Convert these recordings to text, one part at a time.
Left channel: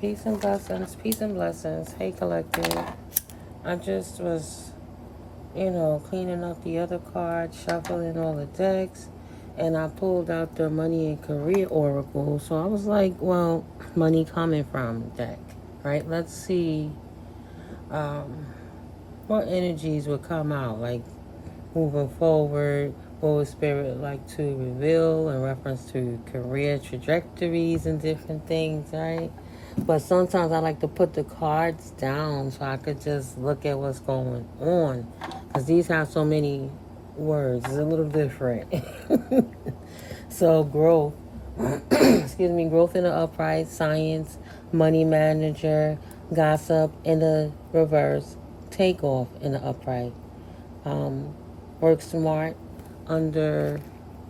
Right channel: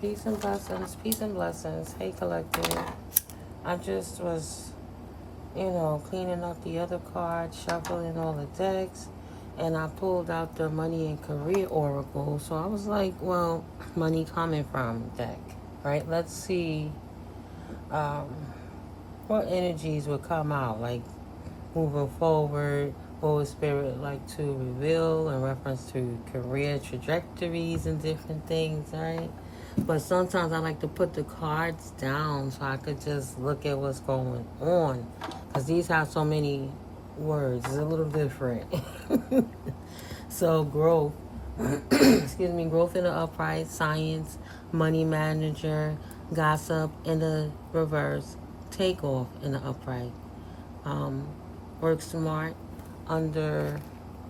Peace and blessings. Peace and blessings. Hey, collective. I just was, cleaning up the other cards, shuffling all the decks, and I pulled out the Money and Career Oracle. So I was like, well, money coming from deck, right? Let's see what energies would come out, like moving forward. What would Spirit like to reveal in reference to career trajectories and different things, right? But sometimes I like to put the cards down so I could just look at what's going on. Because these have so many words. It's a little different. So growth. Excuse me. Growth in the upright. Science. Money manager. Gossip in the reverse. Takeoff in the upright. Work smart under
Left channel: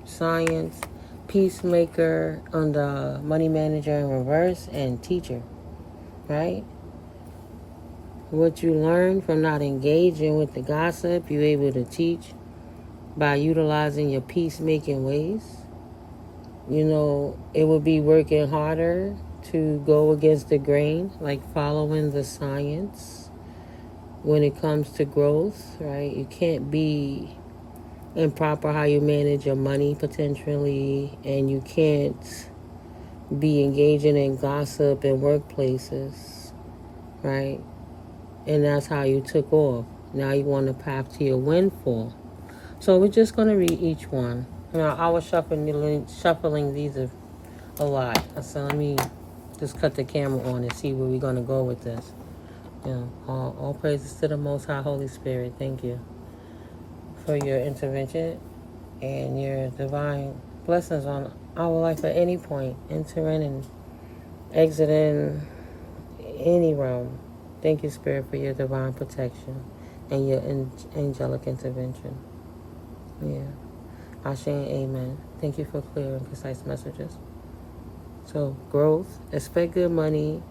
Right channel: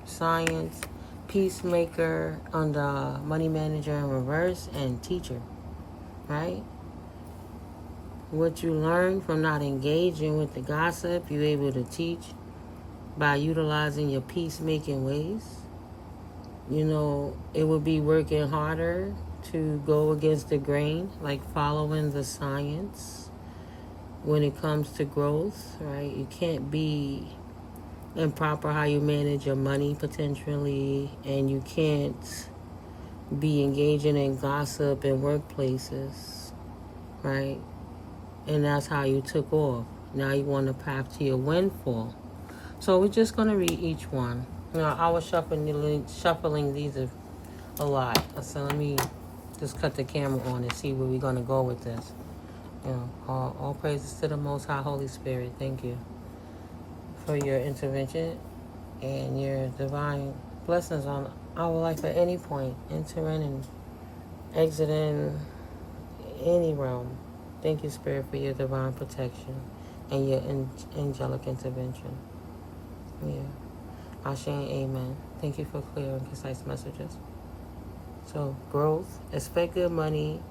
science. Peacemaker under money manager in reverse, and teacher, right? What you learn from not engaging with the gossip, you're able to teach by utilizing your peacemaking ways. It would be working harder to go against the grain, like following the science when it comes to growth, right? You can't be improper how you manage your money potentially, and you can't be engaging in gossip in workplaces, right? And that's how you took off. Now you want to path to your windfall. So we're just going to read each one. Now I was shuffling these a lot, so let me just cut the camera on and see where we're going to go with this. All praises to the Most High Holy Spirit. Thank you for your intervention and your divine blessings on our life at any point, entering and exiting any realm. Thank you, Spirit, for your divine protection and your angelic intervention. Yeah. Ashe and amen. Thank you for clear and concise messages. So, growth. Expect good money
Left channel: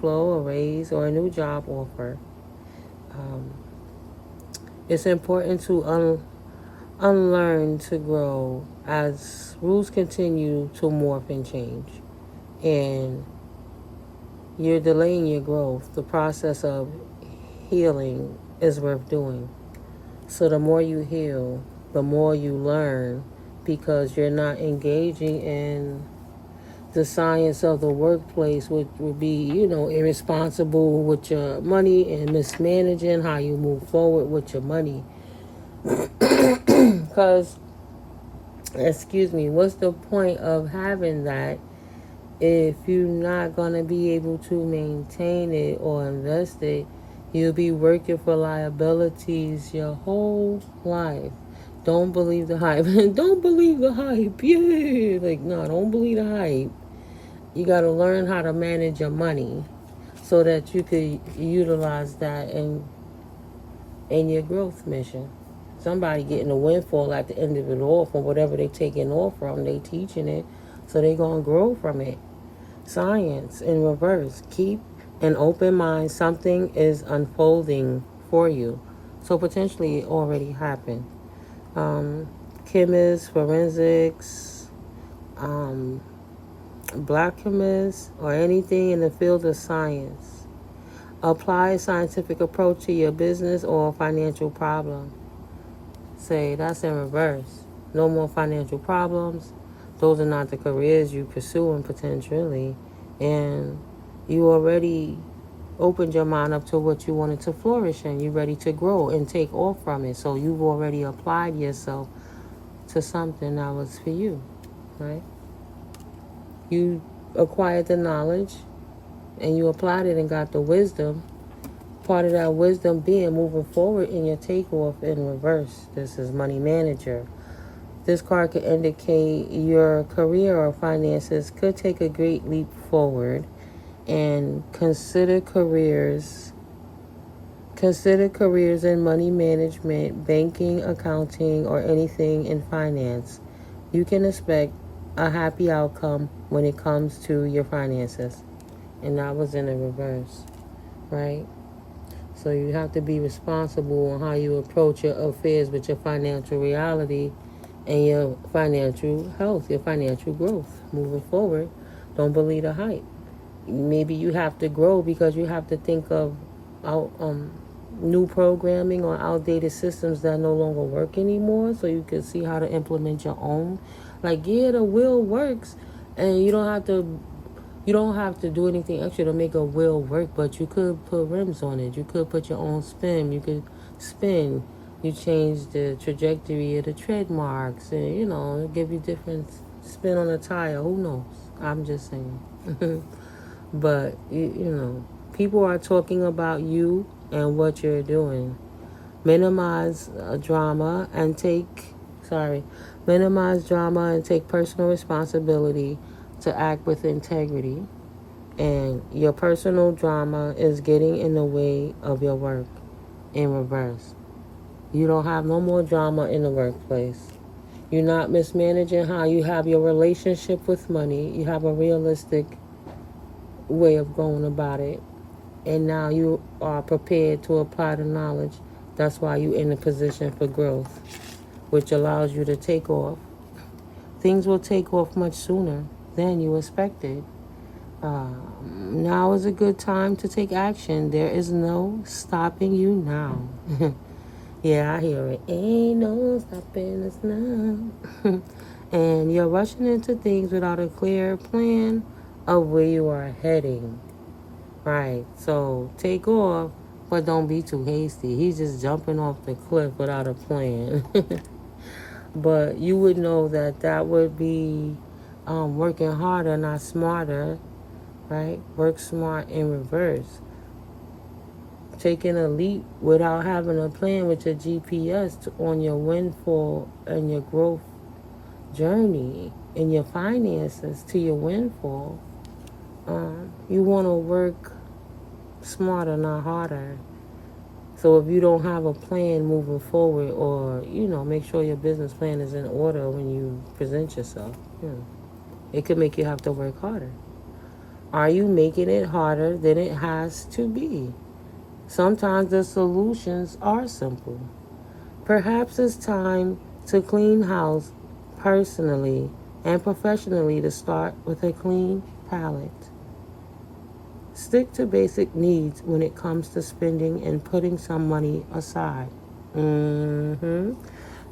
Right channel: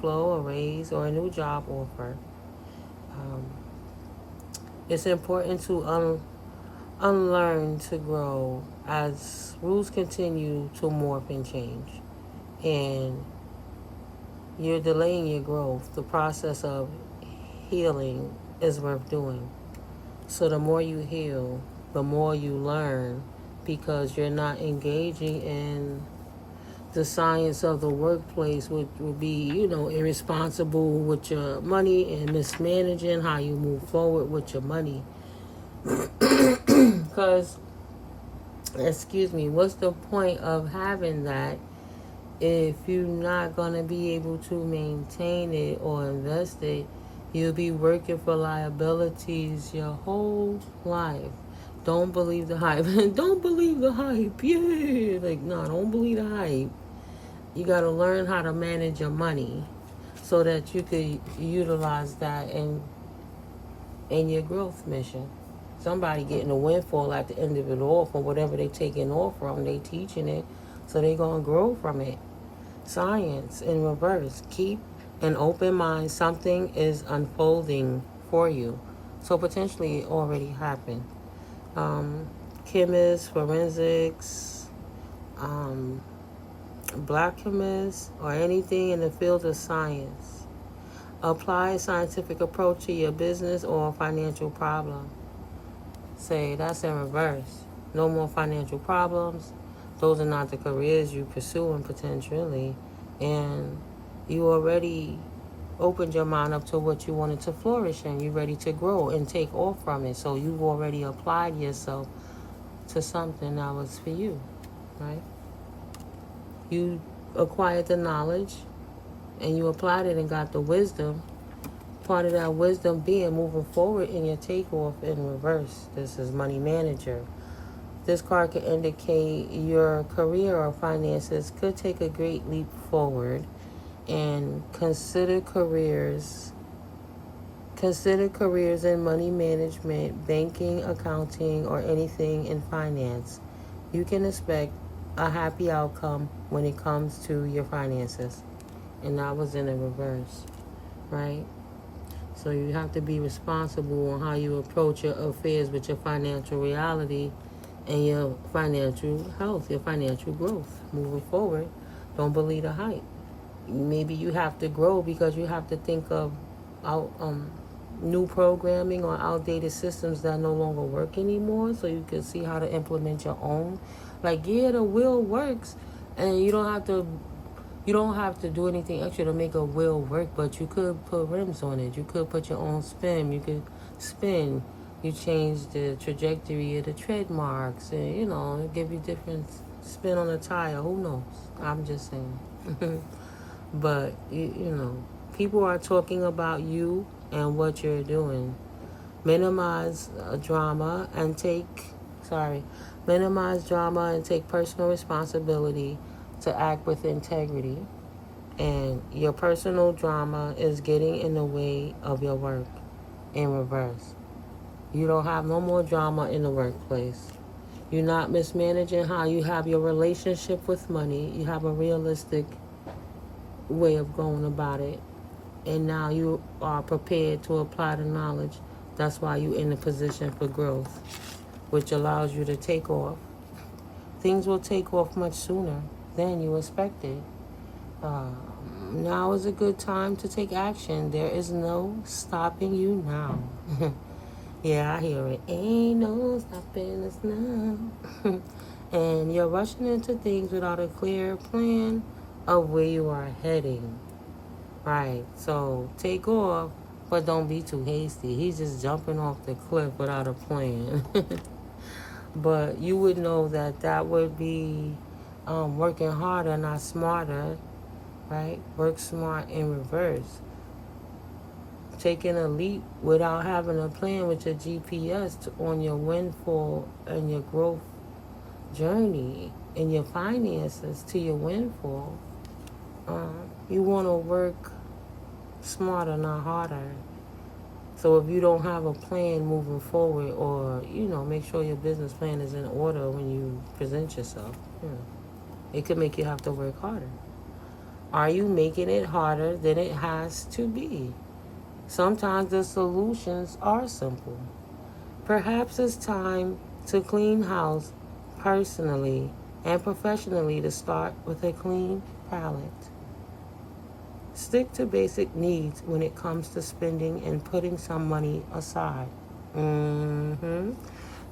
flow, a raise, or a new job offer. It's important to unlearn to grow as rules continue to morph and change. And you're delaying your growth. The process of healing is worth doing. So the more you heal, the more you learn, because you're not engaging in the science of the workplace, which would be, irresponsible with your money and mismanaging how you move forward with your money. Because, what's the point of having that if you're not going to be able to maintain it or invest it? You'll be working for liabilities your whole life. Don't believe the hype. Don't believe the hype. Yeah. Don't believe the hype. You got to learn how to manage your money so that you could utilize that in your growth mission. Somebody getting a windfall at the end of it all from whatever they taking off from. They teaching it, so they going to grow from it. Science in reverse. Keep an open mind. Something is unfolding for you. So potentially it already happened. Chemists, forensics, black chemists, or anything in the field of science. Apply a scientific approach to your business or financial problem. Say, that's in reverse. No more financial problems. Those are not the careers you pursuing potentially. And you already opened your mind up to what you wanted to flourish in. You're ready to grow and take off from it. So you've already applied yourself to something that was for you, right? You acquired the knowledge and you applied it and got the wisdom. Part of that wisdom being moving forward in your takeoff in reverse. This is money manager. This card could indicate your career or finances could take a great leap forward, and consider careers in money management, banking, accounting, or anything in finance. You can expect a happy outcome when it comes to your finances. And that was in the reverse, right? So you have to be responsible on how you approach your affairs with your financial reality and your financial health, your financial growth moving forward. Don't believe the hype. maybe you have to grow because you have to think of out new programming or outdated systems that no longer work anymore, so you can see how to implement your own. Like, yeah, the wheel works, and you don't have to do anything extra to make a wheel work, but you could put rims on it. You could put your own spin. You could spin. You change the trajectory of the tread marks, and give you different spin on a tire. Who knows? I'm just saying. But people are talking about you and what you're doing. Minimize drama and take personal responsibility to act with integrity. And your personal drama is getting in the way of your work. In reverse, you don't have no more drama in the workplace. You're not mismanaging how you have your relationship with money. You have a realistic way of going about it, and now you are prepared to apply the knowledge. That's why you're in a position for growth, which allows you to take off. Things will take off much sooner than you expected. Now is a good time to take action. There is no stopping you now. Yeah, I hear it. Ain't no stopping us now. And you're rushing into things without a clear plan of where you are heading. Right. So take off, but don't be too hasty. He's just jumping off the cliff without a plan. But you would know that would be working harder, not smarter. Right? Work smart in reverse. Taking a leap without having a plan with your GPS on your windfall and your growth journey and your finances to your windfall. You want to work smarter, not harder. So if you don't have a plan moving forward, or make sure your business plan is in order when you present yourself, it could make you have to work harder. Are you making it harder than it has to be? Sometimes the solutions are simple. Perhaps it's time to clean house personally and professionally, to start with a clean palette. Stick to basic needs when it comes to spending and putting some money aside.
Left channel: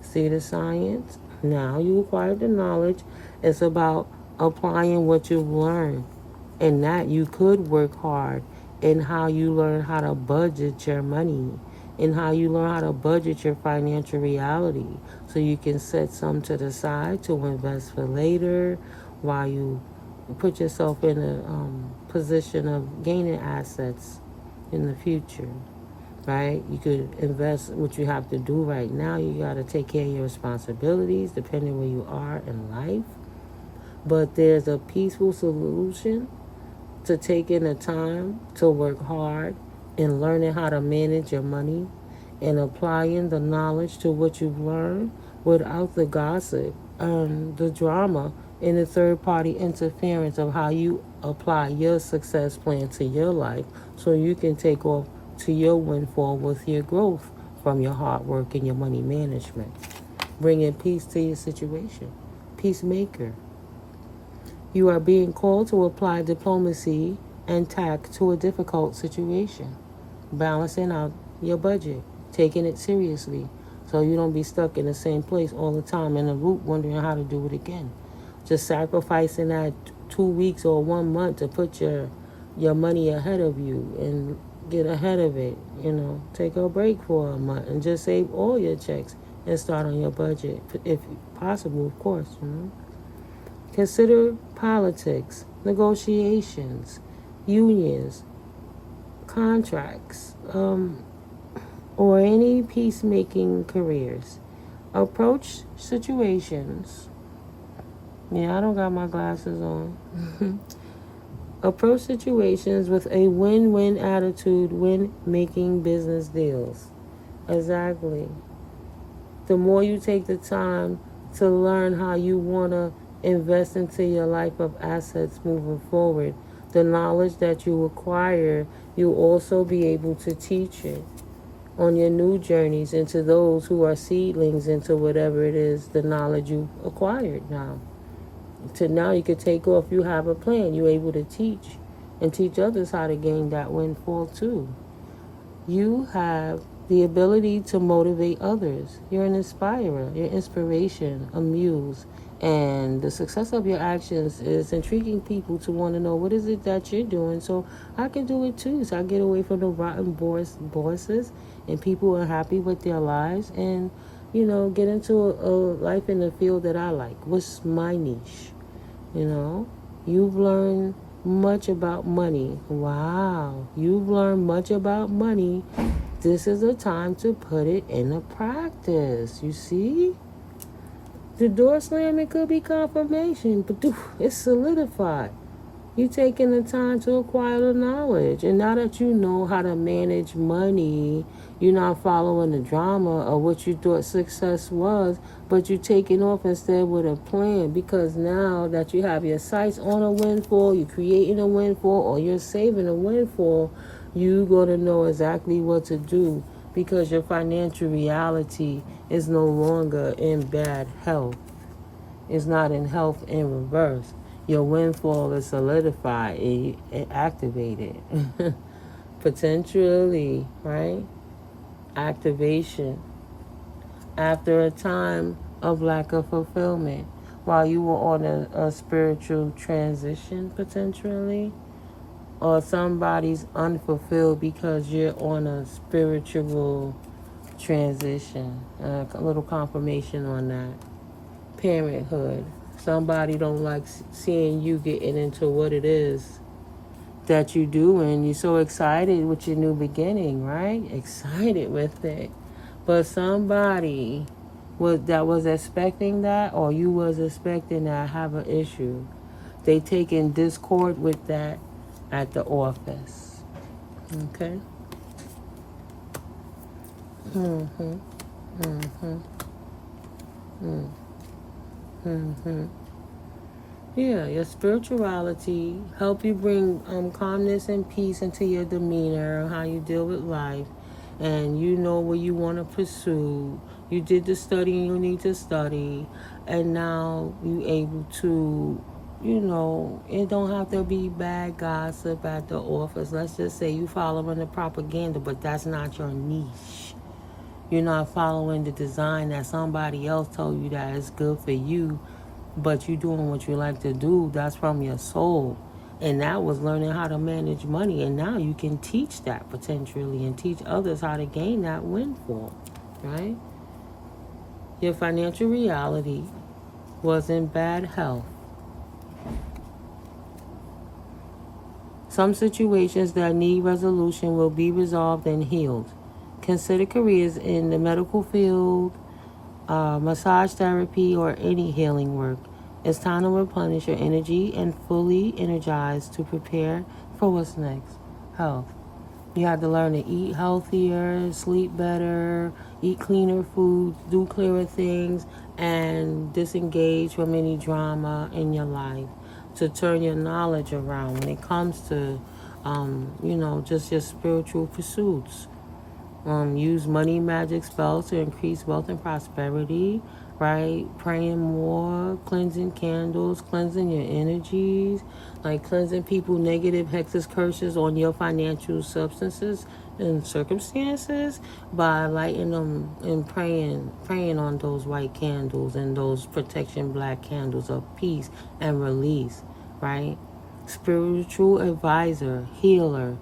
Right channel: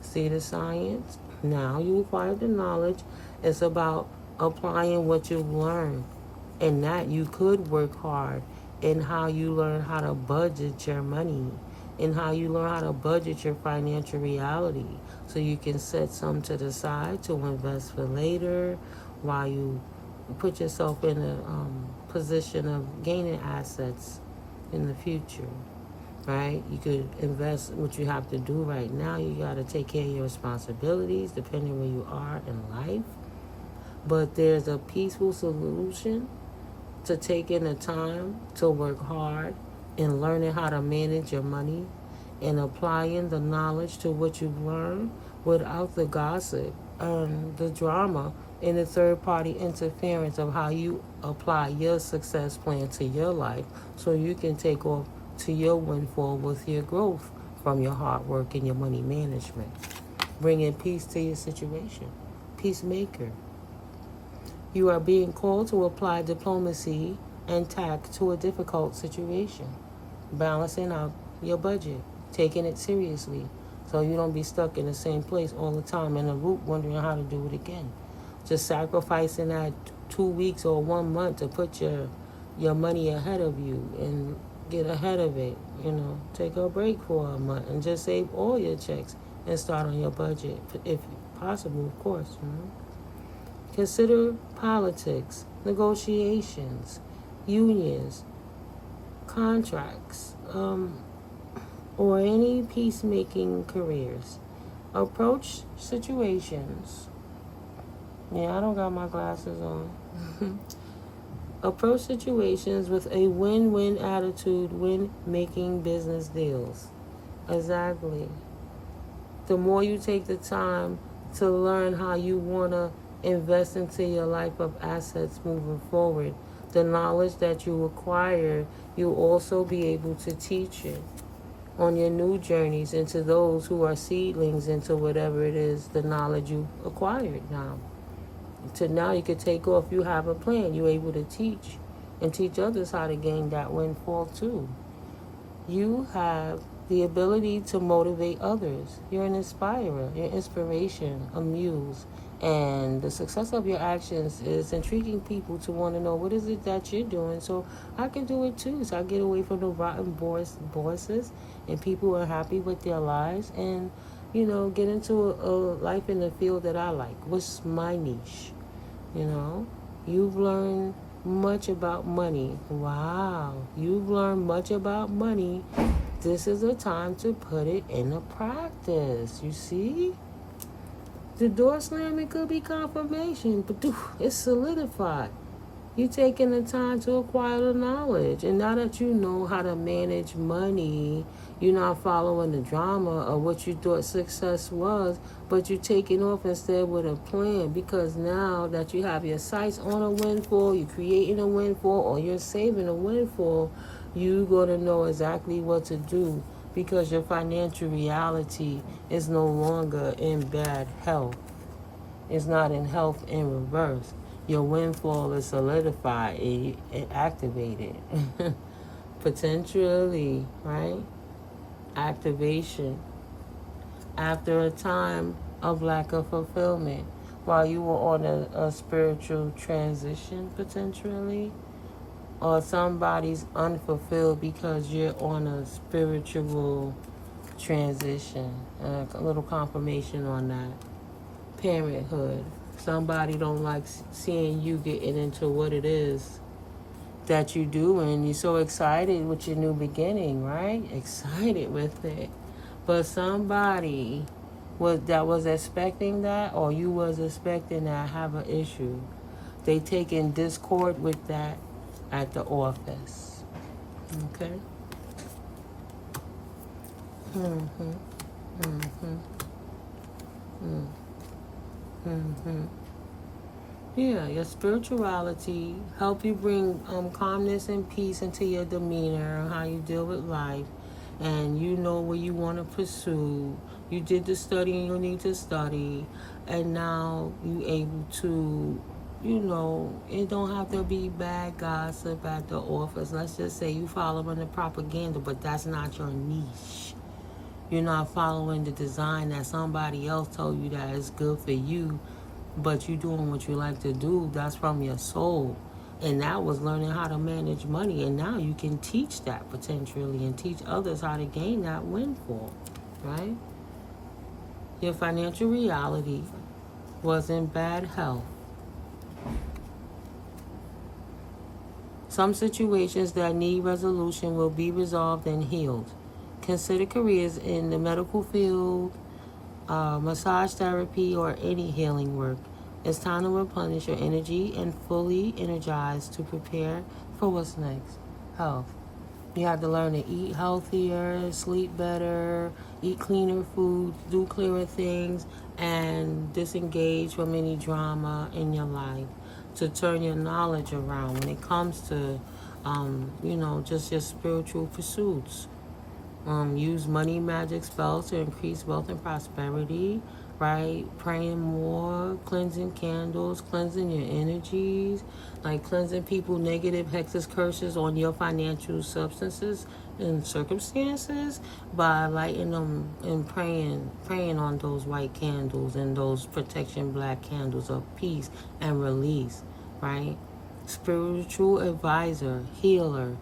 See the science? Now you acquired the knowledge. It's about applying what you've learned, and that you could work hard in how you learn how to budget your money, and how you learn how to budget your financial reality, so you can set some to the side to invest for later, while you put yourself in a position of gaining assets in the future. Right? You could invest. What you have to do right now, you got to take care of your responsibilities depending where you are in life. But there's a peaceful solution to taking the time to work hard and learning how to manage your money and applying the knowledge to what you've learned without the gossip and the drama and the third-party interference of how you apply your success plan to your life, so you can take off to your windfall with your growth from your hard work and your money management. Bringing peace to your situation. Peacemaker. You are being called to apply diplomacy and tact to a difficult situation. Balancing out your budget. Taking it seriously, so you don't be stuck in the same place all the time in a loop wondering how to do it again. Just sacrificing that 2 weeks or 1 month to put your money ahead of you and get ahead of it. Take a break for a month and just save all your checks and start on your budget, if possible, of course. Consider politics, negotiations, unions, contracts, or any peacemaking careers. Approach situations. Yeah, I don't got my glasses on. Approach situations with a win-win attitude when making business deals. Exactly. The more you take the time to learn how you want to invest into your life of assets moving forward, the knowledge that you acquire, you'll also be able to teach it on your new journeys into those who are seedlings into whatever it is, the knowledge you've acquired now. To now you could take off, you have a plan, you're able to teach and teach others how to gain that windfall too. You have the ability to motivate others. You're an inspirer, you're inspiration, a muse. And the success of your actions is intriguing people to want to know what is it that you're doing so I can do it too. So I get away from the rotten bosses and people who are happy with their lives and, get into a life in the field that I like. What's my niche? You've learned much about money. Wow. You've learned much about money. This is a time to put it into practice. You see? The door slamming could be confirmation, but it's solidified. You taking the time to acquire the knowledge. And now that you know how to manage money, you're not following the drama of what you thought success was, but you're taking off instead with a plan, because now that you have your sights on a windfall, you're creating a windfall, or you're saving a windfall, you're going to know exactly what to do, because your financial reality is no longer in bad health. It's not in health in reverse. Your windfall is solidified and activated. Potentially, right? Activation. After a time of lack of fulfillment, while you were on a spiritual transition, potentially, or somebody's unfulfilled because you're on a spiritual transition. A little confirmation on that. Parenthood. Somebody don't like seeing you getting into what it is that you do, and you're so excited with your new beginning, right? Excited with it. But somebody that was expecting that, or you was expecting that, have an issue. They taking discord with that at the office. Okay? Yeah, your spirituality help you bring calmness and peace into your demeanor, how you deal with life, and you know what you want to pursue. You did the studying you need to study, and now you able to, it don't have to be bad gossip at the office. Let's just say you following the propaganda, but that's not your niche. You're not following the design that somebody else told you that is good for you, but you're doing what you like to do. That's from your soul. And that was learning how to manage money. And now you can teach that potentially and teach others how to gain that windfall, right? Your financial reality was in bad health. Some situations that need resolution will be resolved and healed. Consider careers in the medical field, massage therapy, or any healing work. It's time to replenish your energy and fully energize to prepare for what's next. Health. You have to learn to eat healthier, sleep better, eat cleaner foods, do clearer things, and disengage from any drama in your life to turn your knowledge around when it comes to, just your spiritual pursuits. Use money magic spells to increase wealth and prosperity, right? Praying more, cleansing candles, cleansing your energies, like cleansing people negative hexes, curses on your financial substances and circumstances by lighting them and praying on those white candles and those protection black candles of peace and release, right? Spiritual advisor, healer,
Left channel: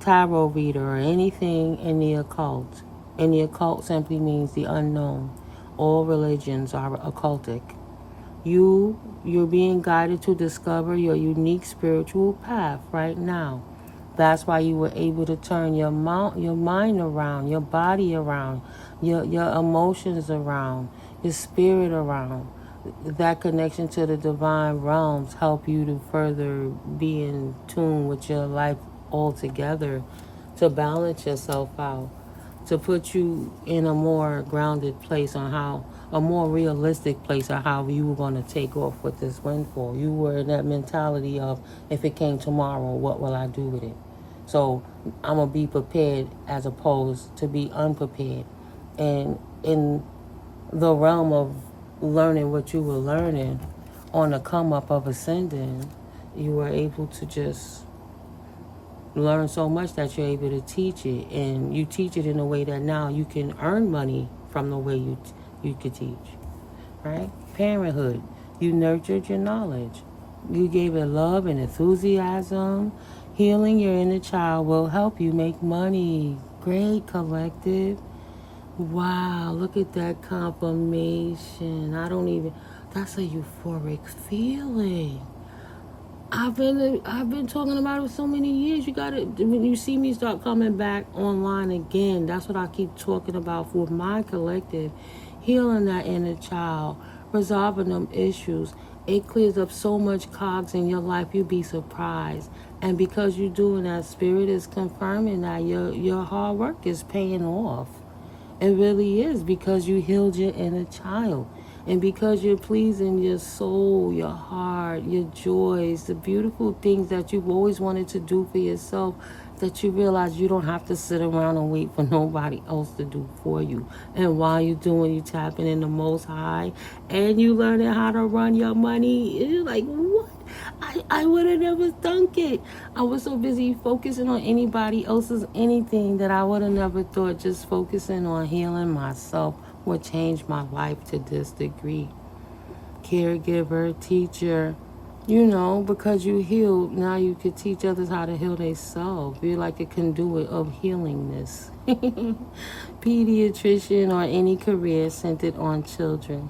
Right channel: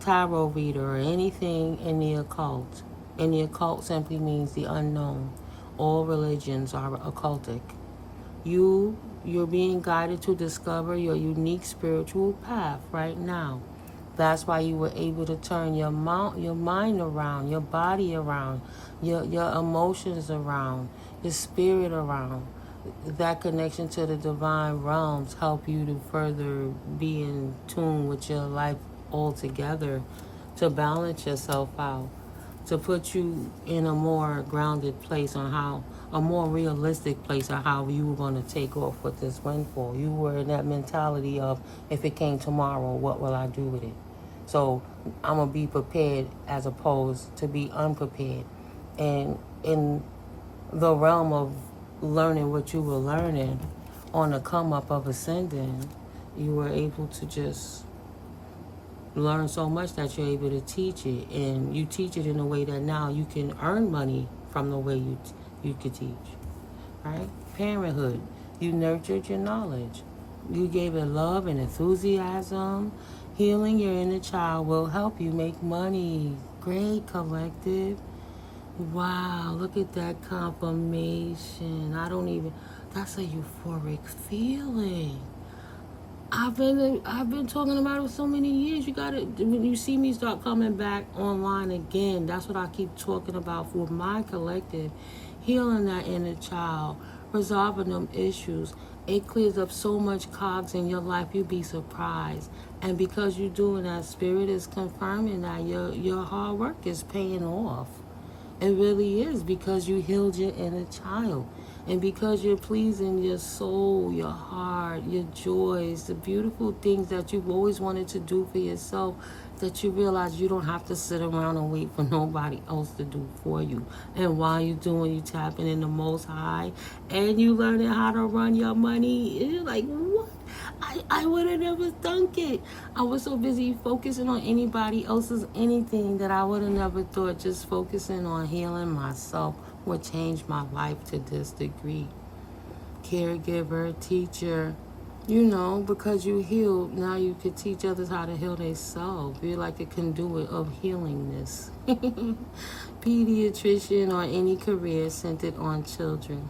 tarot reader, or anything in the occult. And the occult simply means the unknown. All religions are occultic. You're being guided to discover your unique spiritual path right now. That's why you were able to turn your mind around, your body around, your emotions around, your spirit around. That connection to the divine realms help you to further be in tune with your life altogether, to balance yourself out, to put you in a more grounded place on a more realistic place on how you were going to take off with this windfall. You were in that mentality of, if it came tomorrow, what will I do with it? So I'm going to be prepared as opposed to be unprepared. And in the realm of learning what you were learning on the come up of ascending, you were able to just learn so much that you're able to teach it, and you teach it in a way that now you can earn money from the way you could teach, right? Parenthood, you nurtured your knowledge. You gave it love and enthusiasm. Healing your inner child will help you make money. Great, collective. Wow, look at that confirmation. That's a euphoric feeling. I've been talking about it for so many years. You gotta, when you see me start coming back online again, that's what I keep talking about for my collective. Healing that inner child, resolving them issues. It clears up so much cogs in your life, you'd be surprised. And because you're doing that, Spirit is confirming that your hard work is paying off. It really is, because you healed your inner child. And because you're pleasing your soul, your heart, your joys, the beautiful things that you've always wanted to do for yourself, that you realize you don't have to sit around and wait for nobody else to do for you. And while you're doing, you tapping in the Most High, and you learning how to run your money. You're like, what? I would have never thunk it. I was so busy focusing on anybody else's anything that I would have never thought just focusing on healing myself would change my life to this degree. Caregiver, teacher, because you healed, now you could teach others how to heal themselves. You're like a conduit of healingness. Pediatrician, or any career centered on children.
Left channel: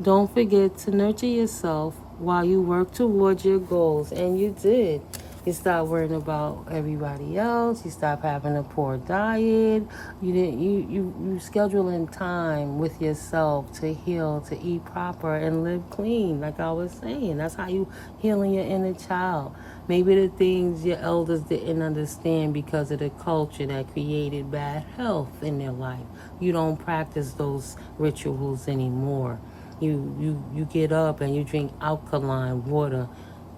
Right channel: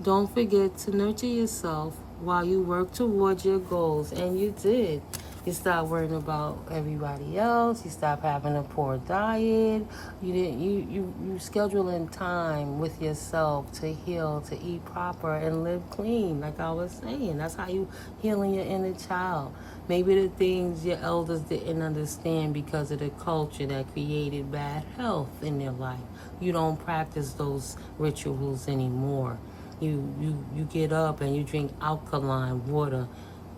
Don't forget to nurture yourself while you work towards your goals. And you did. You stop worrying about everybody else. You stop having a poor diet. You scheduling time with yourself to heal, to eat proper, and live clean. Like I was saying, that's how you healing your inner child. Maybe the things your elders didn't understand because of the culture that created bad health in your life. You don't practice those rituals anymore. You get up and you drink alkaline water,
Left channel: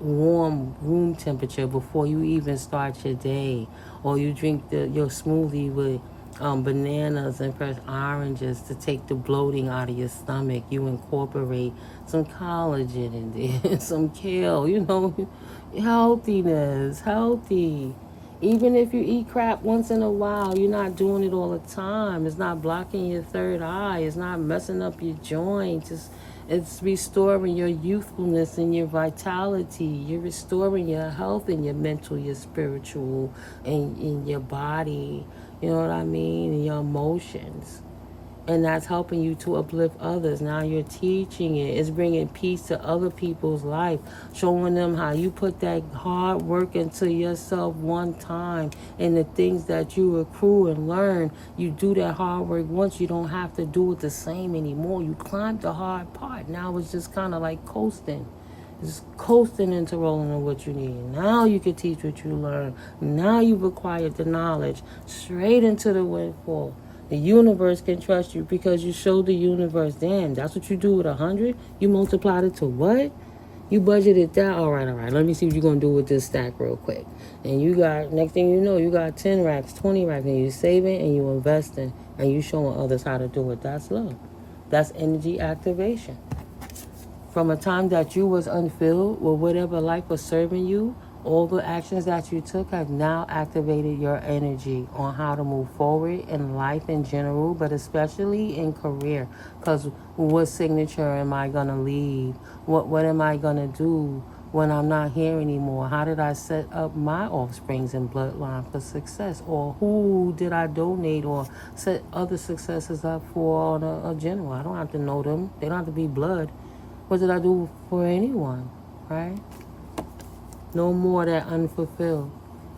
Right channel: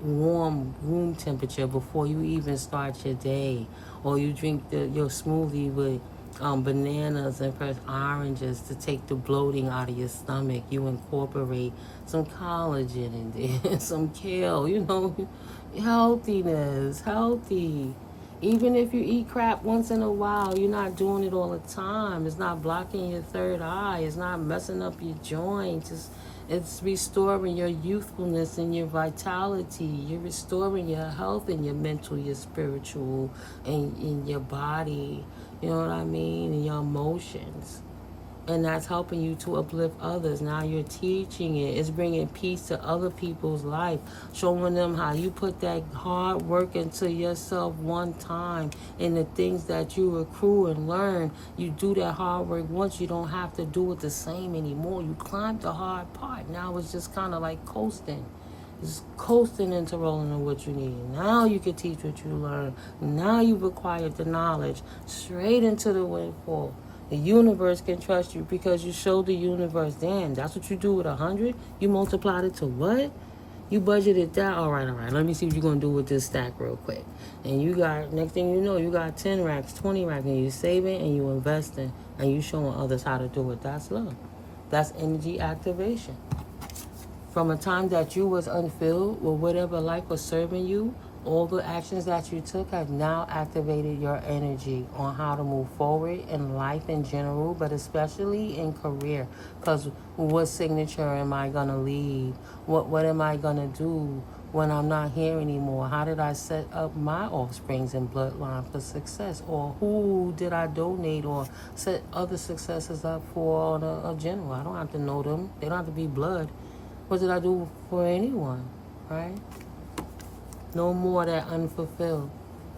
warm room temperature before you even start your day, or you drink your smoothie with bananas and fresh oranges to take the bloating out of your stomach. You incorporate some collagen in there, some kale, healthy. Even if you eat crap once in a while, you're not doing it all the time. It's not blocking your third eye. It's not messing up your joints. It's restoring your youthfulness and your vitality. You're restoring your health and your mental, your spiritual, and in your body. You know what I mean? And your emotions. And that's helping you to uplift others. Now you're teaching it. It's bringing peace to other people's life. Showing them how you put that hard work into yourself one time. And the things that you accrue and learn, you do that hard work once. You don't have to do it the same anymore. You climbed the hard part. Now it's just kind of like coasting. Just coasting into rolling on what you need. Now you can teach what you learn. Now you've acquired the knowledge. Straight into the windfall. The universe can trust you because you showed the universe, damn, that's what you do with 100? You multiplied it to what? You budgeted that? All right. Let me see what you're going to do with this stack real quick. And you got, next thing you know, you got 10 racks, 20 racks, and you're saving and you're investing and you're showing others how to do it. That's love. That's energy activation. From a time that you was unfilled with whatever life was serving you, all the actions that you took have now activated your energy on how to move forward in life in general, but especially in career. Because what signature am I going to leave? What am I going to do when I'm not here anymore? How did I set up my offsprings and bloodline for success? Or who did I donate or set other successes up for on a general? I don't have to know them. They don't have to be blood. What did I do for anyone, right? No more that unfulfilled.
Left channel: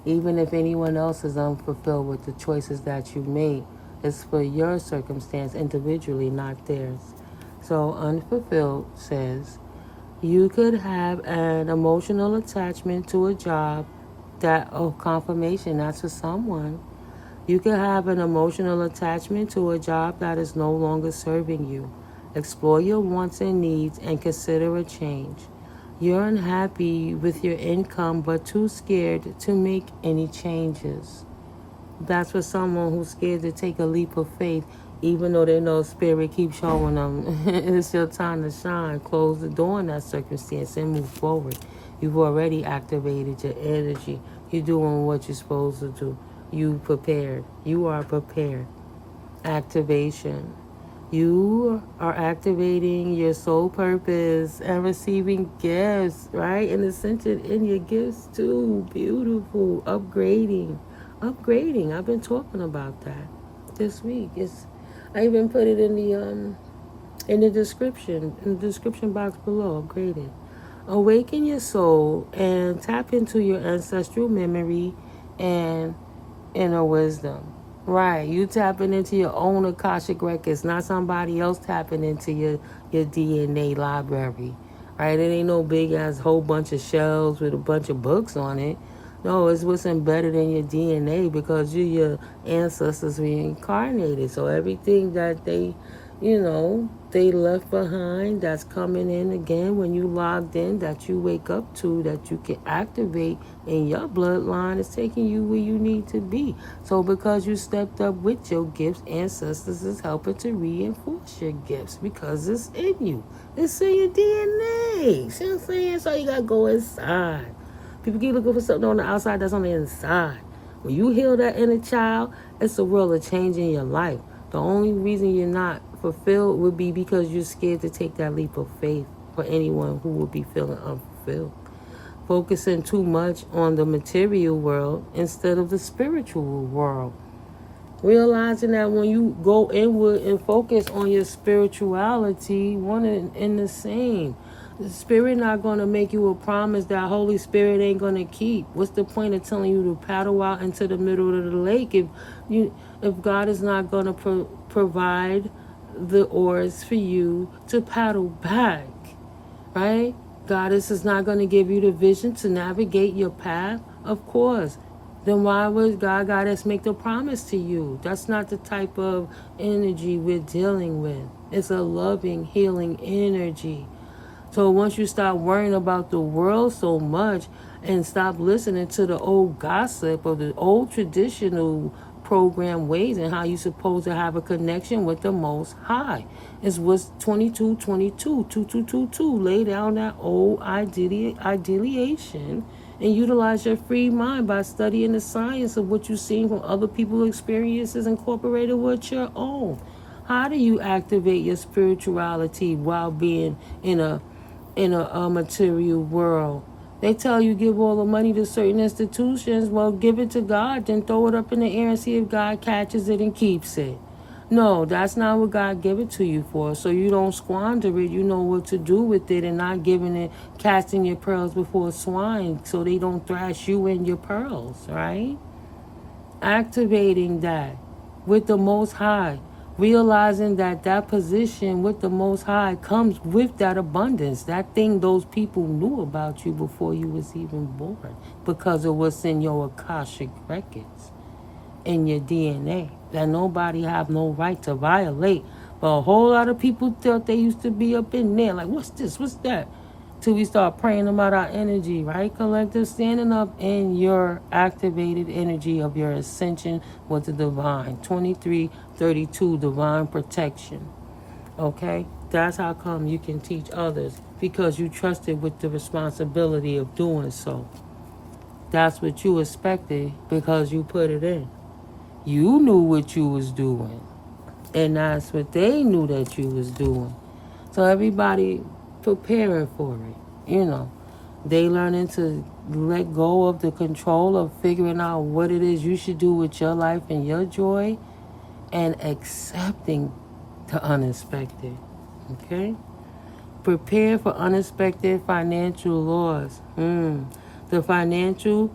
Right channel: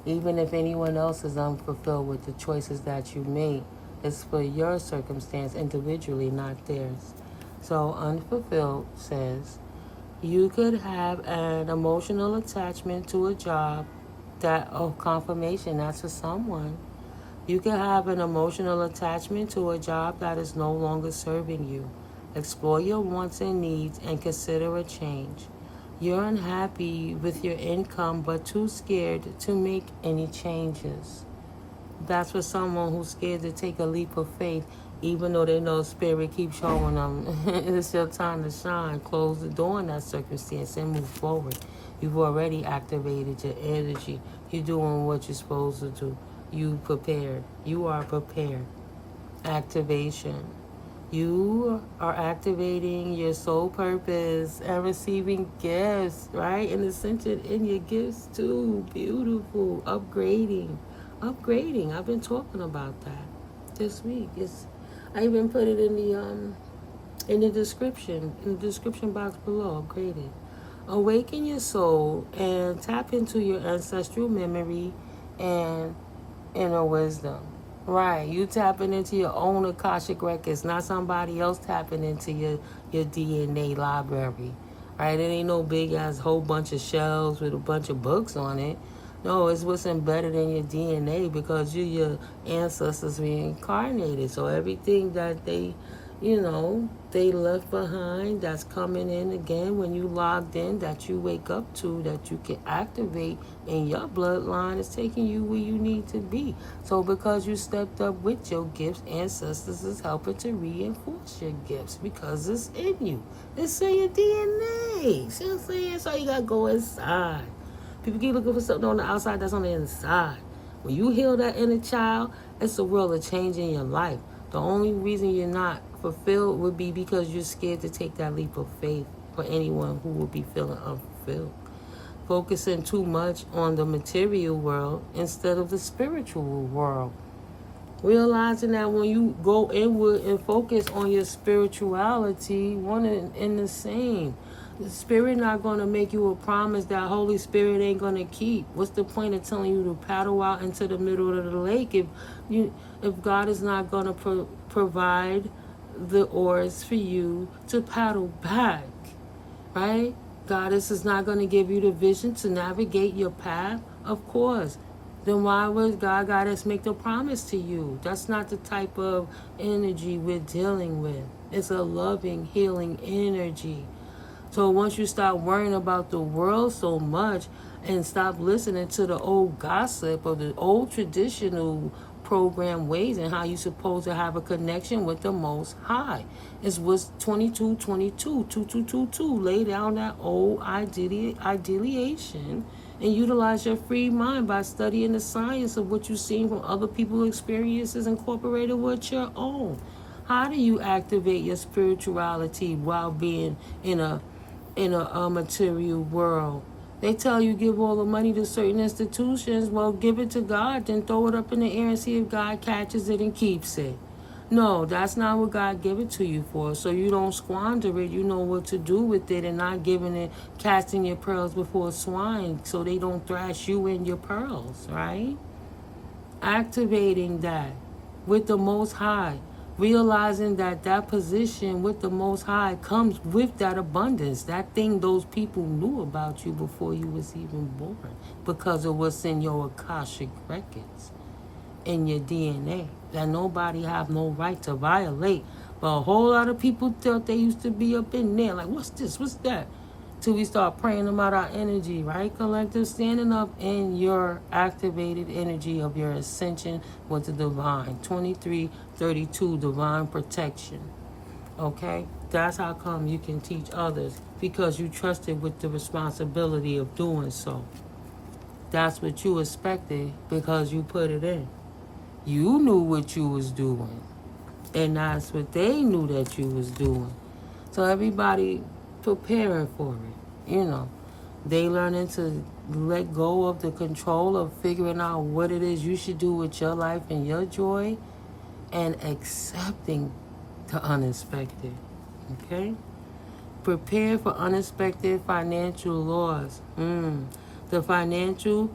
Even if anyone else is unfulfilled with the choices that you made, it's for your circumstance individually, not theirs. So unfulfilled says, you could have an emotional attachment to a job that of confirmation, that's for someone. You could have an emotional attachment to a job that is no longer serving you. Explore your wants and needs and consider a change. You're unhappy with your income but too scared to make any changes. That's for someone who's scared to take a leap of faith, even though they know Spirit keeps showing them it's your time to shine. Close the door in that circumstance and move forward. You've already activated your energy. You're doing what you're supposed to do. You prepared. You are prepared. Activation. You are activating your soul purpose and receiving gifts, right? And ascension in your gifts too. Beautiful. Upgrading. Upgrading. I've been talking about that this week. I even put it in the description box below. Upgraded. Awaken your soul and tap into your ancestral memory and inner wisdom. Right, you tapping into your own Akashic records, not somebody else tapping into your DNA library. Right, it ain't no big ass whole bunch of shelves with a bunch of books on it. No, it's what's embedded in your DNA because you're your ancestors reincarnated. So everything that they left behind, that's coming in again when you logged in, that you wake up to, that you can activate in your bloodline, is taking you where you need to be. So because you stepped up with your gifts, ancestors is helping to reinforce your gifts because it's in you. It's in your DNA. See what I'm saying? So you gotta go inside. People keep looking for something on the outside that's on the inside. When you heal that inner child, it's a world of change in your life. The only reason you're not fulfilled would be because you're scared to take that leap of faith for anyone who would be feeling unfulfilled. Focusing too much on the material world instead of the spiritual world. Realizing that when you go inward and focus on your spirituality, one and the same. The Spirit not going to make you a promise that Holy Spirit ain't going to keep. What's the point of telling you to paddle out into the middle of the lake if God is not going to provide the oars for you to paddle back, right? Goddess is not going to give you the vision to navigate your path, of course. Then why would Goddess make the promise to you? That's not the type of energy we're dealing with. It's a loving, healing energy. So once you stop worrying about the world so much and stop listening to the old gossip or the old traditional program ways and how you're supposed to have a connection with the Most High. It's what's 2222 lay down that old ideation and utilize your free mind by studying the science of what you've seen from other people's experiences incorporated with your own. How do you activate your spirituality while being in a material world? They tell you give all the money to certain institutions. Well, give it to God, then throw it up in the air and see if God catches it and keeps it. No, that's not what God gave it to you for. So you don't squander it. You know what to do with it and not giving it, casting your pearls before swine so they don't thrash you and your pearls, right? Activating that with the Most High. Realizing that position with the Most High comes with that abundance. That thing those people knew about you before you was even born. Because of what's in your Akashic records. In your DNA. That nobody have no right to violate. But a whole lot of people thought they used to be up in there. Like, what's this? What's that? Till we start praying about our energy, right? Collective, standing up in your activated energy of your ascension with the divine. 2332, divine protection. Okay? That's how come you can teach others. Because you trusted with the responsibility of doing so. That's what you expected because you put it in. You knew what you was doing. And that's what they knew that you was doing. So everybody preparing for it, they learning to let go of the control of figuring out what it is you should do with your life and your joy and accepting the unexpected. Okay? Prepare for unexpected financial loss. The financial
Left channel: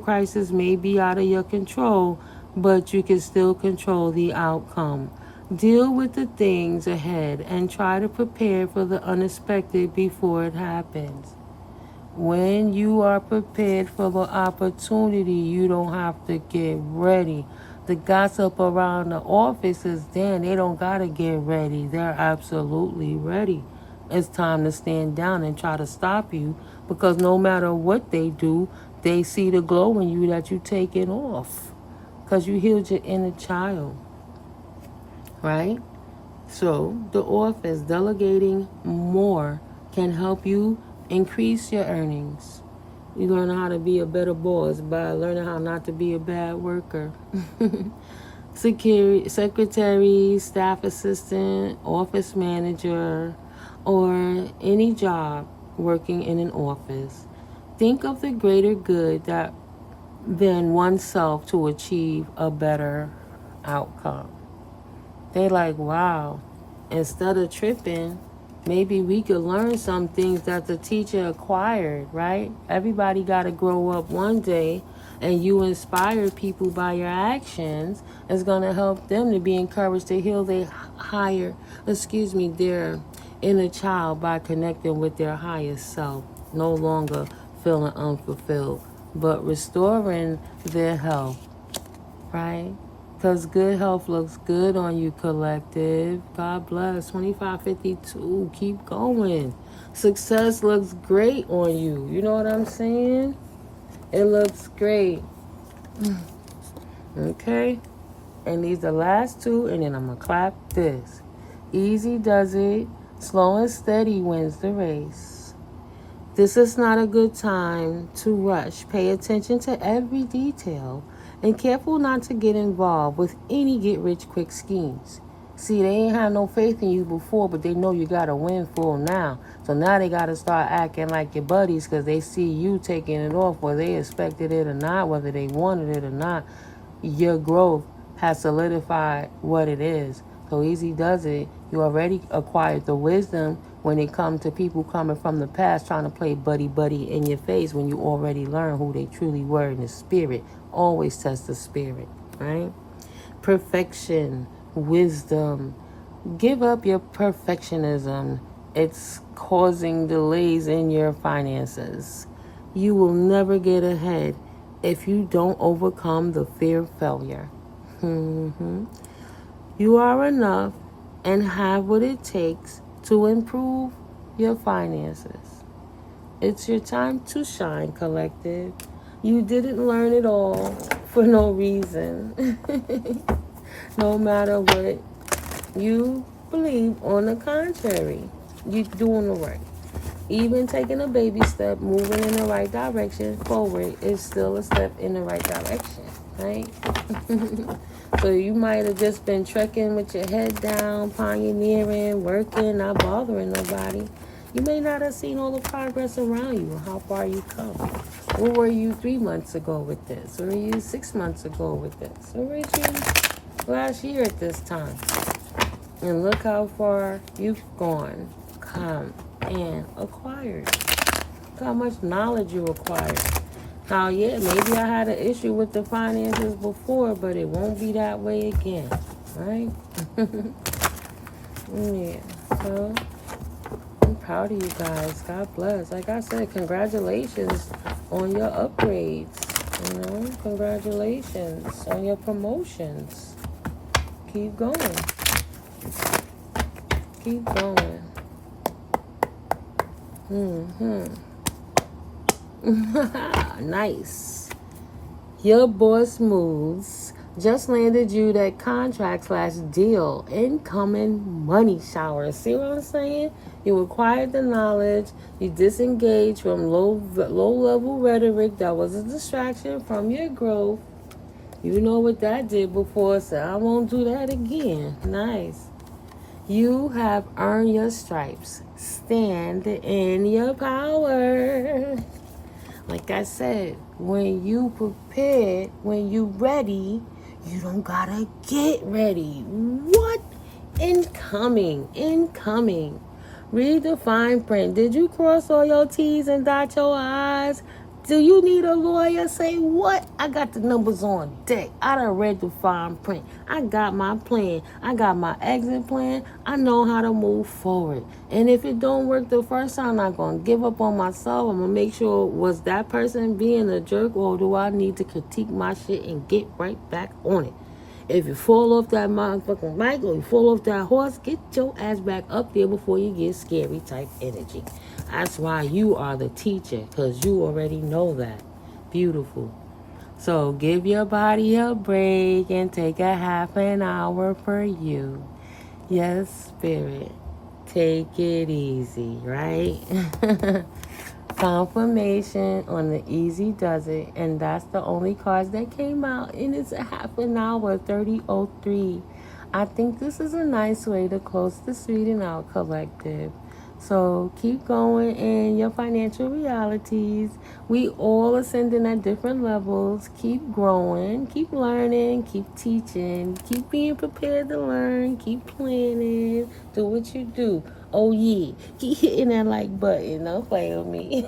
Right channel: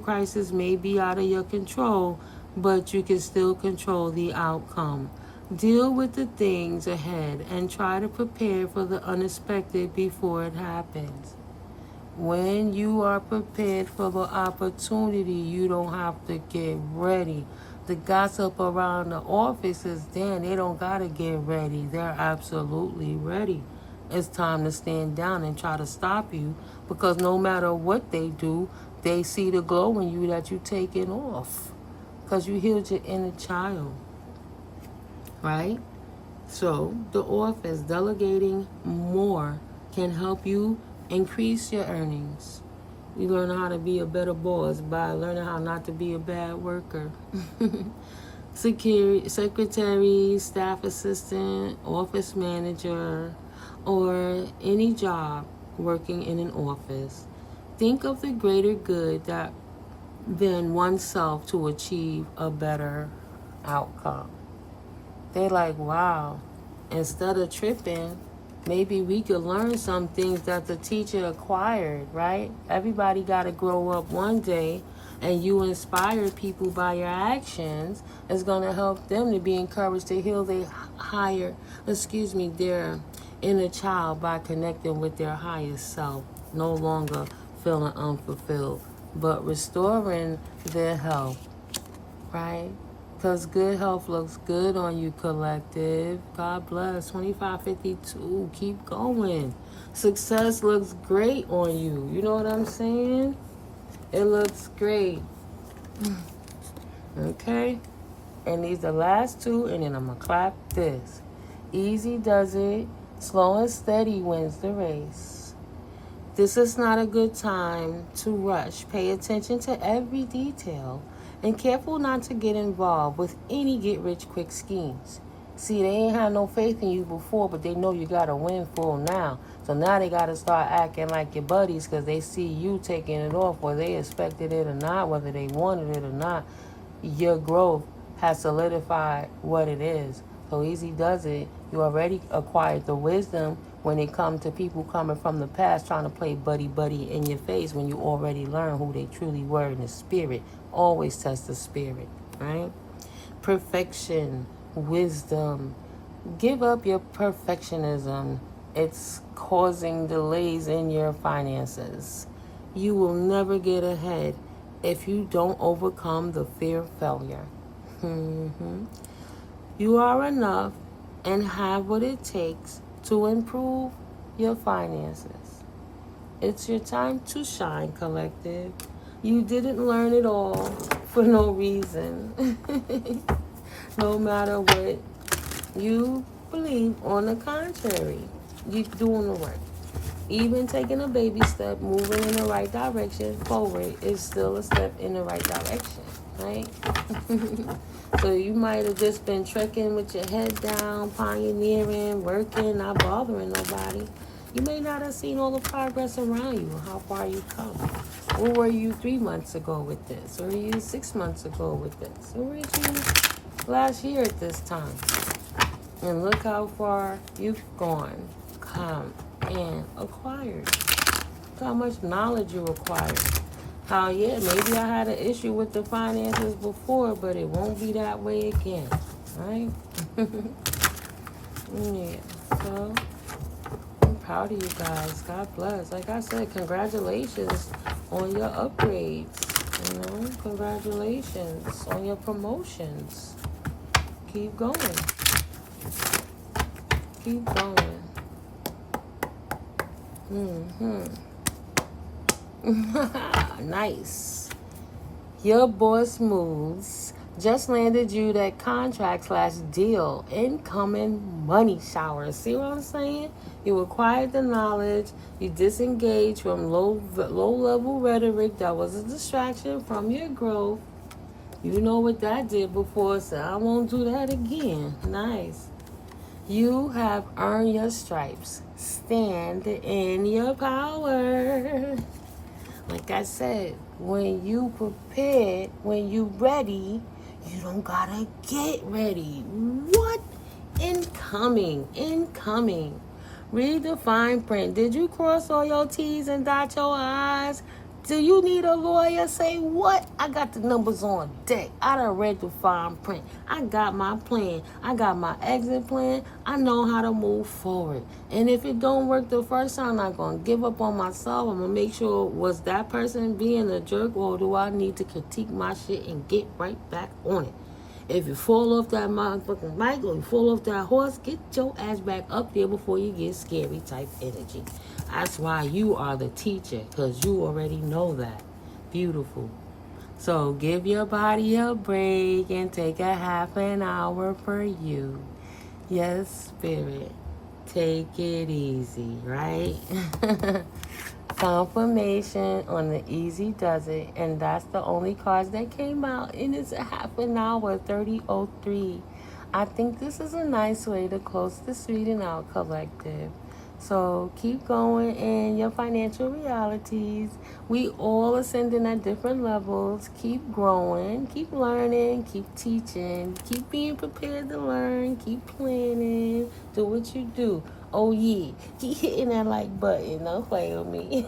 crisis may be out of your control, but you can still control the outcome. Deal with the things ahead and try to prepare for the unexpected before it happens. When you are prepared for the opportunity, you don't have to get ready. The gossip around the office is, damn, they don't gotta get ready. They're absolutely ready. It's time to stand down and try to stop you because no matter what they do, they see the glow in you that you take it off because you healed your inner child. Right? So the office, delegating more can help you Increase your earnings. You learn how to be a better boss by learning how not to be a bad worker. Secretary, staff assistant, office manager, or any job working in an office. Think of the greater good than oneself to achieve a better outcome. They like, wow, instead of tripping, maybe we could learn some things that the teacher acquired, right? Everybody got to grow up one day, and you inspire people by your actions. It's going to help them to be encouraged to heal their inner child by connecting with their higher self, no longer feeling unfulfilled, but restoring their health, right? Because good health looks good on you, collective. God bless. 2552. Keep going. Success looks great on you. You know what I'm saying? It looks great. Okay? And these are the last two, and then I'm going to clap this. Easy does it. Slow and steady wins the race. This is not a good time to rush. Pay attention to every detail. And careful not to get involved with any get-rich-quick schemes. See, they ain't had no faith in you before, but they know you got a windfall now. So now they got to start acting like your buddies because they see you taking it off, whether they expected it or not, whether they wanted it or not. Your growth has solidified what it is. So easy does it. You already acquired the wisdom when it comes to people coming from the past trying to play buddy-buddy in your face when you already learned who they truly were in the spirit. Always test the spirit, right? Perfection, wisdom. Give up your perfectionism. It's causing delays in your finances. You will never get ahead if you don't overcome the fear of failure. You are enough and have what it takes to improve your finances. It's your time to shine, collective. You didn't learn it all for no reason. No matter what you believe, on the contrary, you're doing the work. Even taking a baby step, moving in the right direction forward is still a step in the right direction, right? So you might have just been trekking with your head down, pioneering, working, not bothering nobody. You may not have seen all the progress around you, how far you've come. Where were you 3 months ago with this? Where were you 6 months ago with this? Where were you last year at this time? And look how far you've gone, come, and acquired. Look how much knowledge you acquired. How, yeah, maybe I had an issue with the finances before, but it won't be that way again, right? Yeah, so I'm proud of you guys. God bless. Like I said, congratulations on your upgrades. You know, congratulations on your promotions. Keep going. Keep going. Nice. Your boss moves just landed you that contract/deal, incoming money shower. See what I'm saying? You acquired the knowledge. You disengaged from low-level rhetoric that was a distraction from your growth. You know what that did before, so I won't do that again. Nice. You have earned your stripes. Stand in your power. Like I said, when you prepared, when you ready, you don't gotta get ready. What? Incoming. Read the fine print. Did you cross all your T's and dot your I's? Do you need a lawyer? Say what? I got the numbers on deck. I done read the fine print. I got my plan. I got my exit plan. I know how to move forward. And if it don't work the first time, I'm not going to give up on myself. I'm going to make sure, was that person being a jerk, or do I need to critique my shit and get right back on it? If you fall off that motherfucking mic or you fall off that horse, get your ass back up there before you get scary type energy. That's why you are the teacher, because you already know that. Beautiful. So give your body a break and take a half an hour for you. Yes, spirit. Take it easy, right? Confirmation on the Easy Does It, and that's the only cards that came out, and it's a half an hour, 30:03. I think this is a nice way to close this reading out, collective. So keep going in your financial realities. We all ascending at different levels. Keep growing, keep learning, keep teaching, keep being prepared to learn, keep planning, do what you do. Oh yeah, keep hitting that like button. Don't play with me.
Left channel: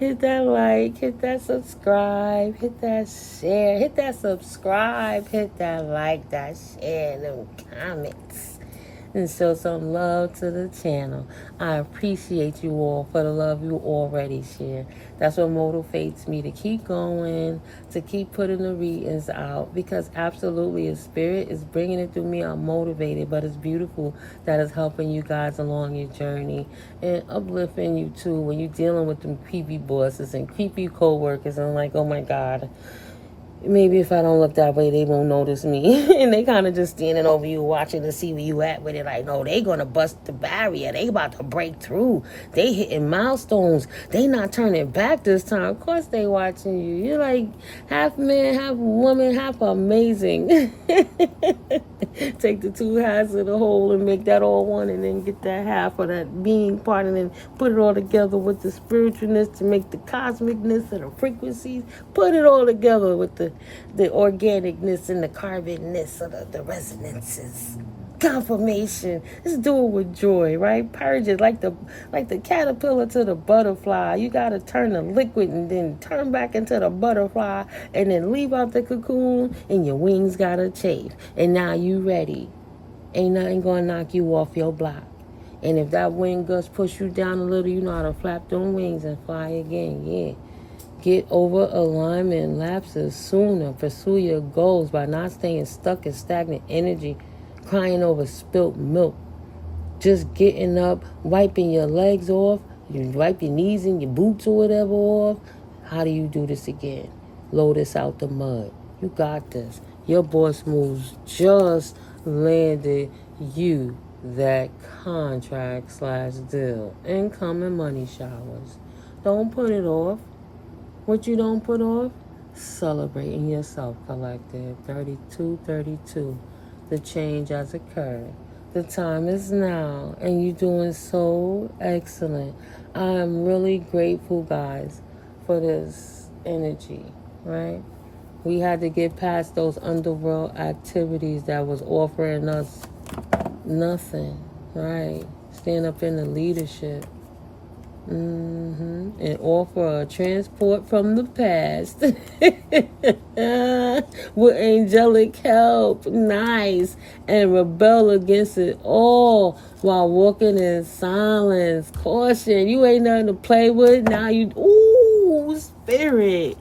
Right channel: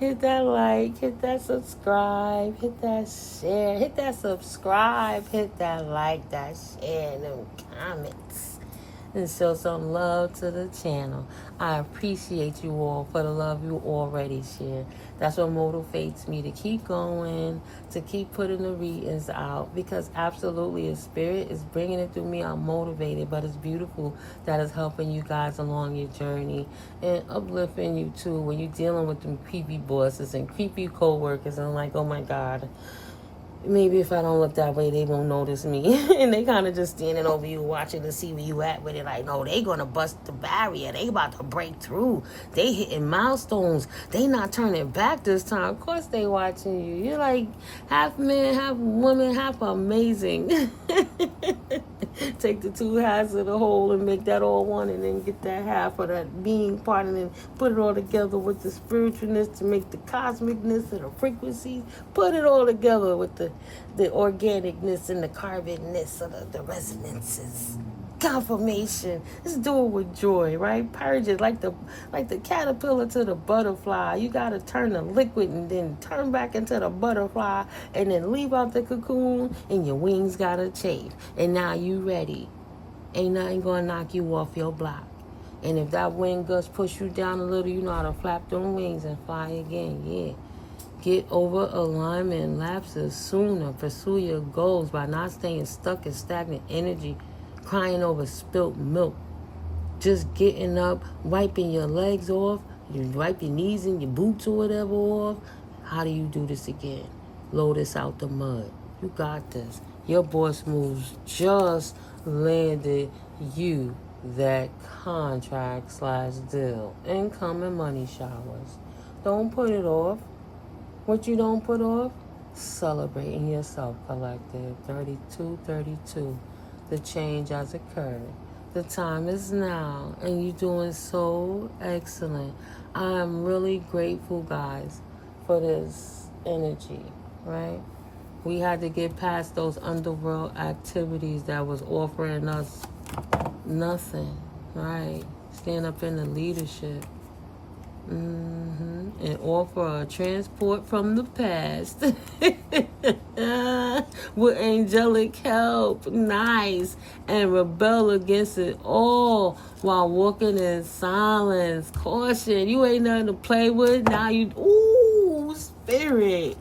Hit that like, hit that subscribe, hit that share, hit that subscribe, hit that like, that share, them comments. And show some love to the channel. I appreciate you all for the love you already share. That's what motivates me to keep going, to keep putting the readings out, because absolutely, if spirit is bringing it through me, I'm motivated. But it's beautiful that it's helping you guys along your journey and uplifting you too when you're dealing with them creepy bosses and creepy co-workers. And I'm like, oh my God, maybe if I don't look that way, they won't notice me. And they kind of just standing over you, watching to see where you at with it. Like, no, they going to bust the barrier. They about to break through. They hitting milestones. They not turning back this time. Of course they watching you. You're like half man, half woman, half amazing. Take the two halves of the whole and make that all one, and then get that half of that being part, and then put it all together with the spiritualness to make the cosmicness and the frequencies. Put it all together with the organicness and the carbonness of the resonances. Confirmation. Let's do it with joy, right? Purge it like the caterpillar to the butterfly. You gotta turn the liquid and then turn back into the butterfly, and then leave out the cocoon, and your wings gotta chafe. And now you ready. Ain't nothing gonna knock you off your block. And if that wing gust push you down a little, you know how to flap them wings and fly again. Yeah. Get over alignment lapses sooner. Pursue your goals by not staying stuck in stagnant energy, crying over spilt milk. Just getting up, wiping your legs off, you wipe your knees and your boots or whatever off. How do you do this again? Lotus out the mud. You got this. Your boss moves just landed you that contract/deal. Incoming money showers. Don't put it off. What you don't put off? Celebrating yourself, collective. 32:32. The change has occurred. The time is now, and you're doing so excellent. I'm really grateful, guys, for this energy, right? We had to get past those underworld activities that was offering us nothing, right? Stand up in the leadership. And offer a transport from the past with angelic help. Nice. And rebel against it all while walking in silence. Caution. You ain't nothing to play with. Now you, ooh, spirit.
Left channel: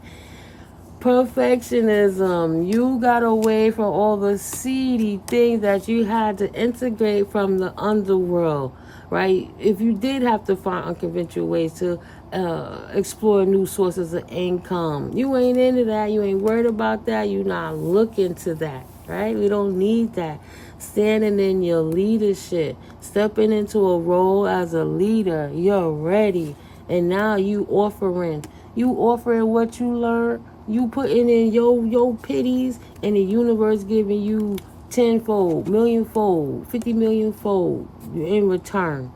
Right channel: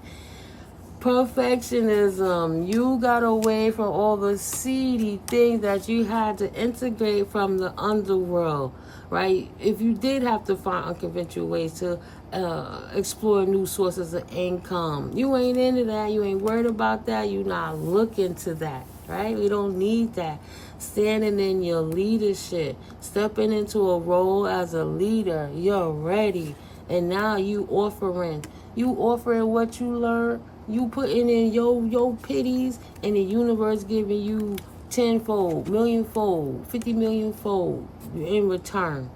Perfectionism. You got away from all the seedy things that you had to integrate from the underworld, right? If you did have to find unconventional ways to explore new sources of income, you ain't into that. You ain't worried about that. You're not looking to that, right? We don't need that. Standing in your leadership, stepping into a role as a leader, you're ready. And now you offering what you learned. You putting in your pities, and the universe giving you tenfold, millionfold, 50 millionfold in return.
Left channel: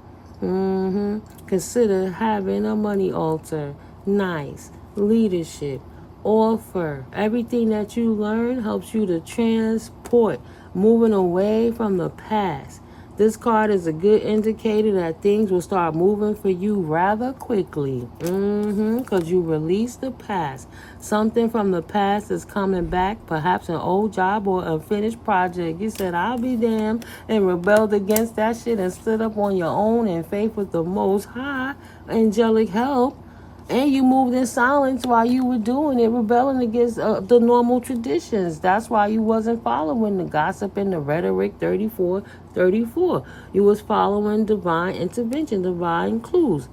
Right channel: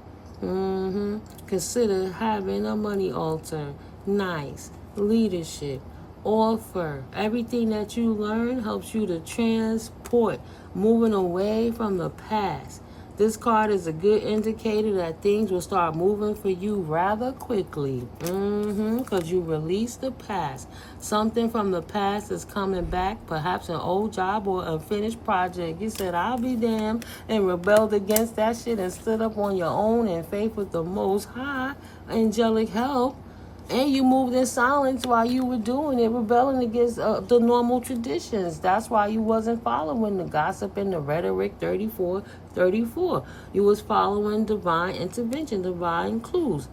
Consider having a money altar. Nice. Leadership. Offer. Everything that you learn helps you to transport, moving away from the past. This card is a good indicator that things will start moving for you rather quickly. Because you release the past. Something from the past is coming back, perhaps an old job or unfinished project. You said, I'll be damned, and rebelled against that shit and stood up on your own in faith with the Most High, angelic help. And you moved in silence while you were doing it, rebelling against the normal traditions. That's why you wasn't following the gossip and the rhetoric. 34:34. You was following divine intervention, divine clues.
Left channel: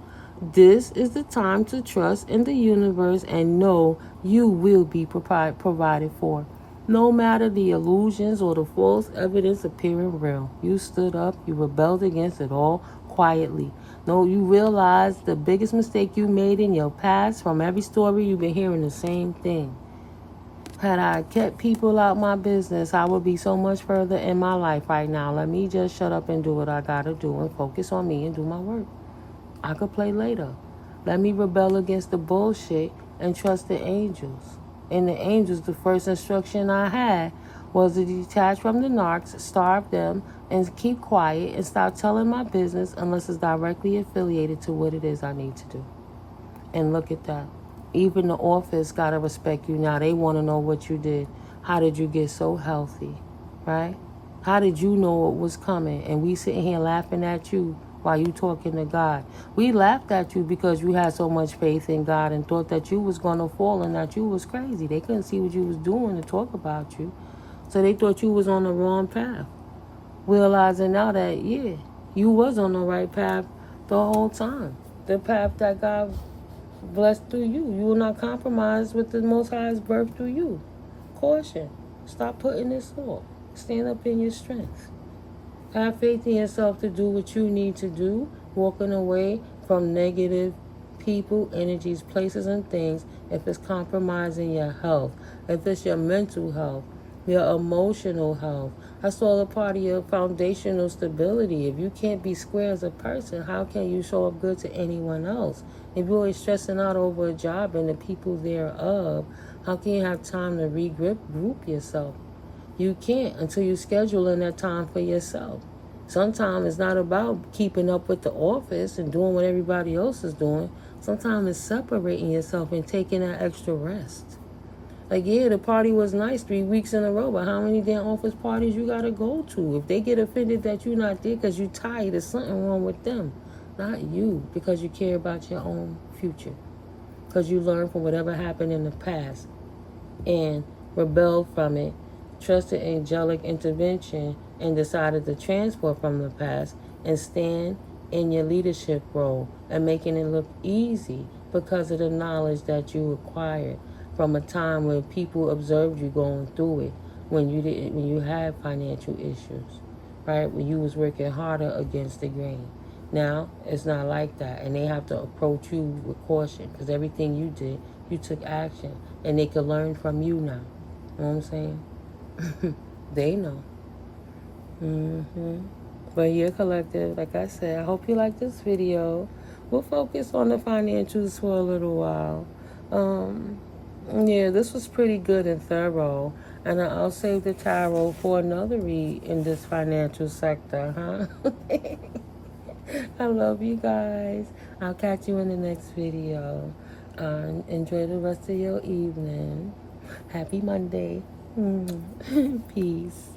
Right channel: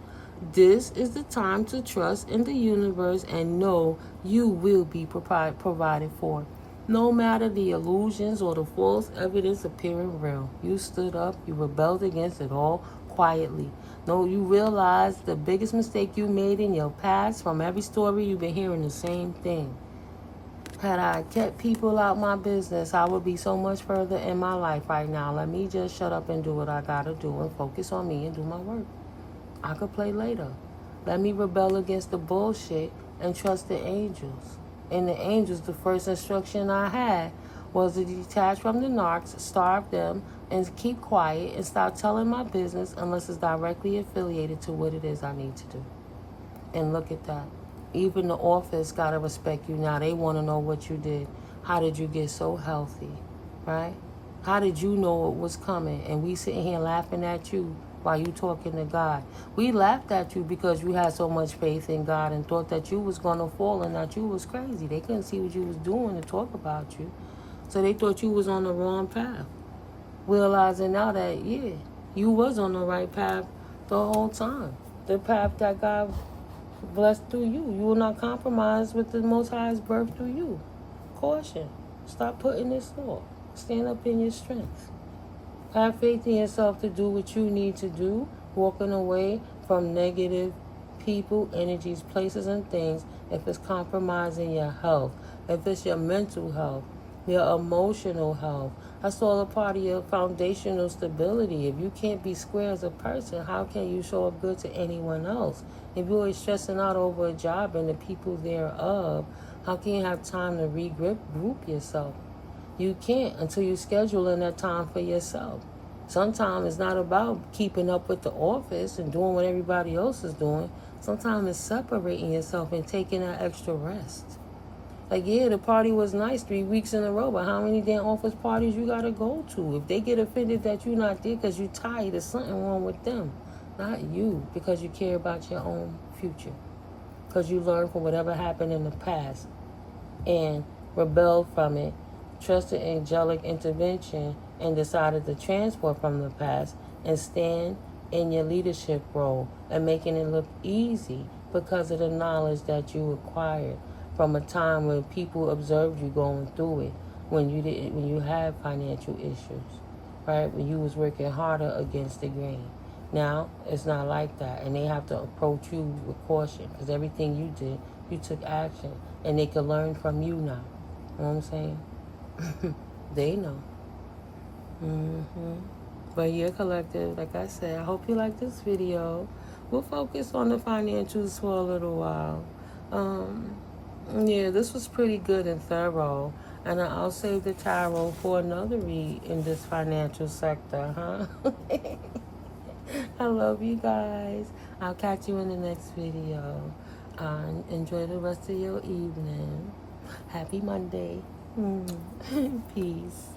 This is the time to trust in the universe and know you will be provided for. No matter the illusions or the false evidence appearing real. You stood up, you rebelled against it all quietly. No, you realize the biggest mistake you made in your past. From every story, you've been hearing the same thing. Had I kept people out my business, I would be so much further in my life right now. Let me just shut up and do what I gotta do and focus on me and do my work. I could play later. Let me rebel against the bullshit and trust the angels. And the angels, the first instruction I had was to detach from the narcs, starve them, and keep quiet and stop telling my business unless it's directly affiliated to what it is I need to do. And look at that. Even the office gotta respect you now. They want to know what you did. How did you get so healthy, right? How did you know it was coming? And we sitting here laughing at you while you talking to God. We laughed at you because you had so much faith in God and thought that you was gonna fall and that you was crazy. They couldn't see what you was doing to talk about you, so they thought you was on the wrong path. Realizing now that, yeah, you was on the right path the whole time. The path that God blessed through you. You will not compromise with the Most High's birth through you. Caution. Stop putting this off. Stand up in your strength. Have faith in yourself to do what you need to do. Walking away from negative people, energies, places, and things if it's compromising your health. If it's your mental health, your emotional health. That's all a part of your foundational stability. If you can't be square as a person, how can you show up good to anyone else? If you're always stressing out over a job and the people thereof, how can you have time to regroup yourself? You can't until you schedule in that time for yourself. Sometimes it's not about keeping up with the office and doing what everybody else is doing. Sometimes it's separating yourself and taking that extra rest. Like, yeah, the party was nice 3 weeks in a row, but how many damn office parties you gotta go to? If they get offended that you're not there because you're tired, there's something wrong with them. Not you, because you care about your own future. Because you learned from whatever happened in the past and rebelled from it, trusted angelic intervention, and decided to transport from the past and stand in your leadership role and making it look easy because of the knowledge that you acquired from a time when people observed you going through it, when you had financial issues, right? When you was working harder against the grain. Now, it's not like that, and they have to approach you with caution because everything you did, you took action, and they can learn from you now. You know what I'm saying? They know. But yeah, collective, like I said, I hope you like this video. We'll focus on the financials for a little while. Yeah, this was pretty good and thorough. And I'll save the tarot for another read in this financial sector, huh? I love you guys. I'll catch you in the next video. Enjoy the rest of your evening. Happy Monday. Peace.